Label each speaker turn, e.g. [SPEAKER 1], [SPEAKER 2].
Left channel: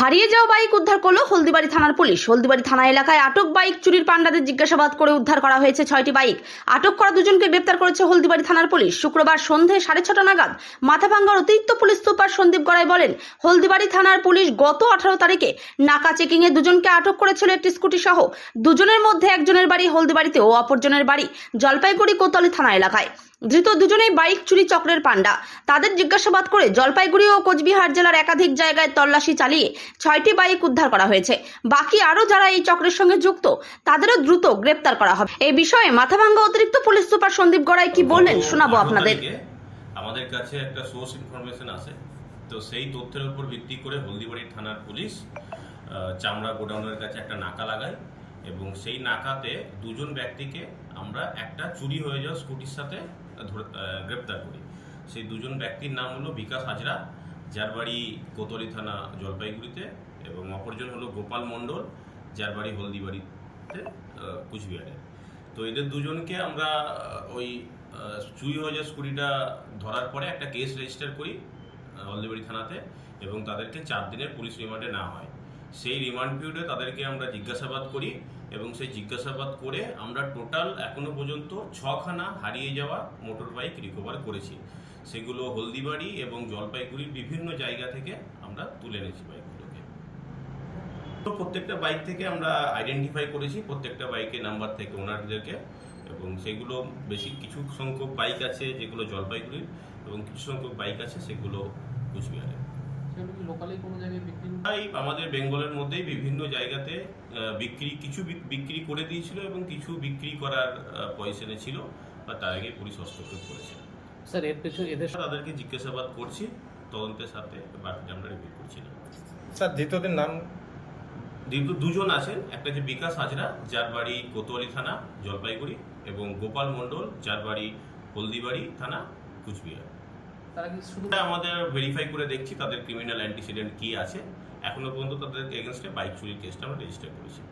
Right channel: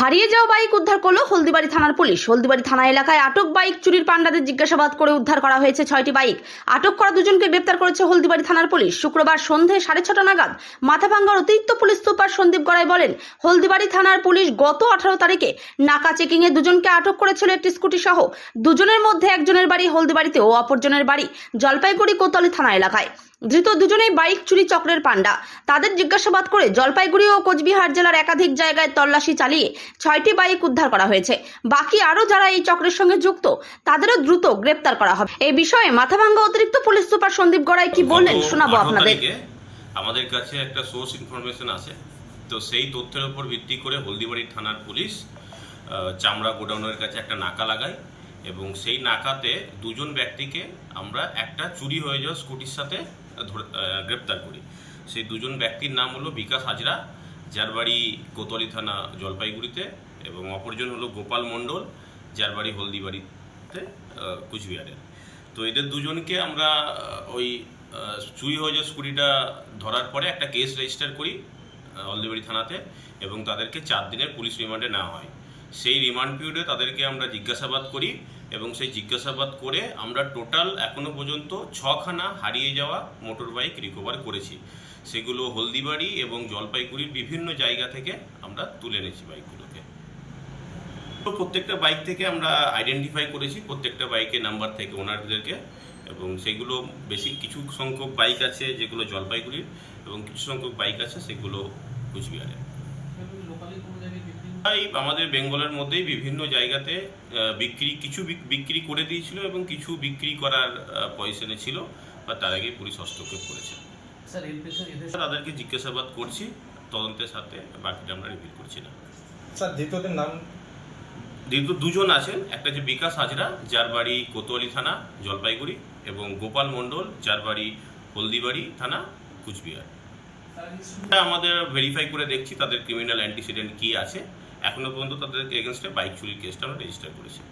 [SPEAKER 1] হারিয়ে যাওয়া বাইক উদ্ধার করল হলদিবাড়ি থানার পুলিশ। হলদিবাড়ি থানা এলাকায় আটক বাইক চুরির পান্ডাদের জিজ্ঞাসাবাদ করে উদ্ধার করা হয়েছে ছয়টি বাইক। আটক করা দুজনকে গ্রেপ্তার করেছে হলদিবাড়ি থানার পুলিশ। শুক্রবার সন্ধে সাড়ে ছটা নাগাদ মাথাভাঙ্গার অতিরিক্ত পুলিশ সুপার সন্দীপ গড়াই বলেন, হলদিবাড়ি থানার পুলিশ গত আঠারো তারিখে নাকা চেকিং এ দুজনকে আটক করেছিল একটি স্কুটি সহ দুজনের মধ্যে একজনের বাড়ি হলদিবাড়িতে ও অপরজনের বাড়ি জলপাইগুড়ি কোতলি থানা এলাকায়। ধৃত দুজনেই বাইক চুরি চক্রের পান্ডা তাদের জিজ্ঞাসাবাদ করে জলপাইগুড়ি ও কোচবিহার জেলার একাধিক জায়গায় তল্লাশি চালিয়ে ছয়টি বাইক উদ্ধার করা হয়েছে। বাকি আরও যারা এই চক্রের সঙ্গে যুক্ত তাদেরও দ্রুত গ্রেপ্তার করা হবে। এই বিষয়ে মাথাভাঙ্গা অতিরিক্ত পুলিশ সুপার সন্দীপ গড়াই কি বললেন শোনাবো
[SPEAKER 2] 18
[SPEAKER 1] আপনাদের।
[SPEAKER 2] আমাদের কাছে একটা সোর্স ইনফরমেশন আছে। তো সেই তথ্যের উপর ভিত্তি করে হলদিবাড়ি থানার পুলিশ চামড়া গোডাউনের কাছে একটা নাকা লাগায়। এবং সেই নাকাতে দুজন ব্যক্তিকে আমরা একটা চুরি হয়ে যাওয়া স্কুটির সাথে ধরে গ্রেপ্তার করি। সেই দুজন ব্যক্তির নাম হলো বিকাশ হাজরা যার বাড়ি কোতলি থানা জলপাইগুড়িতে এবং অপরজন হলো গোপাল মণ্ডল যার বাড়ি হলদিবাড়িতে আহ, কুচবিহারে। তো এদের দুজনকে আমরা ওই চুরি হয়ে যাওয়া স্কুটিটা ধরার পরে একটা কেস রেজিস্টার করি হলদিবাড়ি থানাতে এবং তাদেরকে চার দিনের পুলিশ রিমান্ডে নেওয়া হয়। সেই রিমান্ড পিরিয়ডে তাদেরকে আমরা জিজ্ঞাসাবাদ করি এবং সেই জিজ্ঞাসাবাদ করে আমরা টোটাল এখনও পর্যন্ত ছখানা হারিয়ে যাওয়া মোটর বাইক রিকভার করেছি। সেগুলো হলদিবাড়ি এবং জলপাইগুড়ির বিভিন্ন জায়গা থেকে আমরা তুলে এনেছি বাইকগুলোকে প্রত্যেকটা বাইক থেকে আমরা আইডেন্টিফাই করেছি, প্রত্যেকটা বাইকের নাম্বার থেকে ওনারদেরকে এবং সেগুলো বেশি, কিছু সংখ্যক বাইক আছে যেগুলো জলপাইগুড়ির এবং কিছু সংখ্যক বাইক আছে সেগুলো কুচবিহারের। তাই আমাদের বেঙ্গলের মধ্যেই বিভিন্ন জায়গাতে বিক্রি কিছু বিক্রি করে দিয়েছিল এবং কিছু বিক্রি করার পয়সনে ছিল বা তার আগে পুলিশ হস্তক্ষেপ করেছে।
[SPEAKER 3] স্যার এর পেছনে এদের
[SPEAKER 2] তাদেরকে জিজ্ঞাসাবাদ করছি তদন্তের সাথে বাকিটা আমরা রিভিল করছি না।
[SPEAKER 4] স্যার দ্বিতীয়দের নাম?
[SPEAKER 2] দ্বিতীয় দুজন আছেন একটা যে বিকাশ হাজরা যার বাড়ি কোতোয়ালি থানা জলপাইগুড়ি এবং গোপাল মণ্ডল যার বাড়ি হলদিবাড়ি থানা কুচবিহার। আমাদের ভেরিফাই করে দেখছি তাদের ক্রিমিনাল অ্যান্টিসিডেন্ট কি আছে। এখনও পর্যন্ত তাদের এগেনস্টে বাইক চুরির কেসটা আমরা রেজিস্টার করেছি।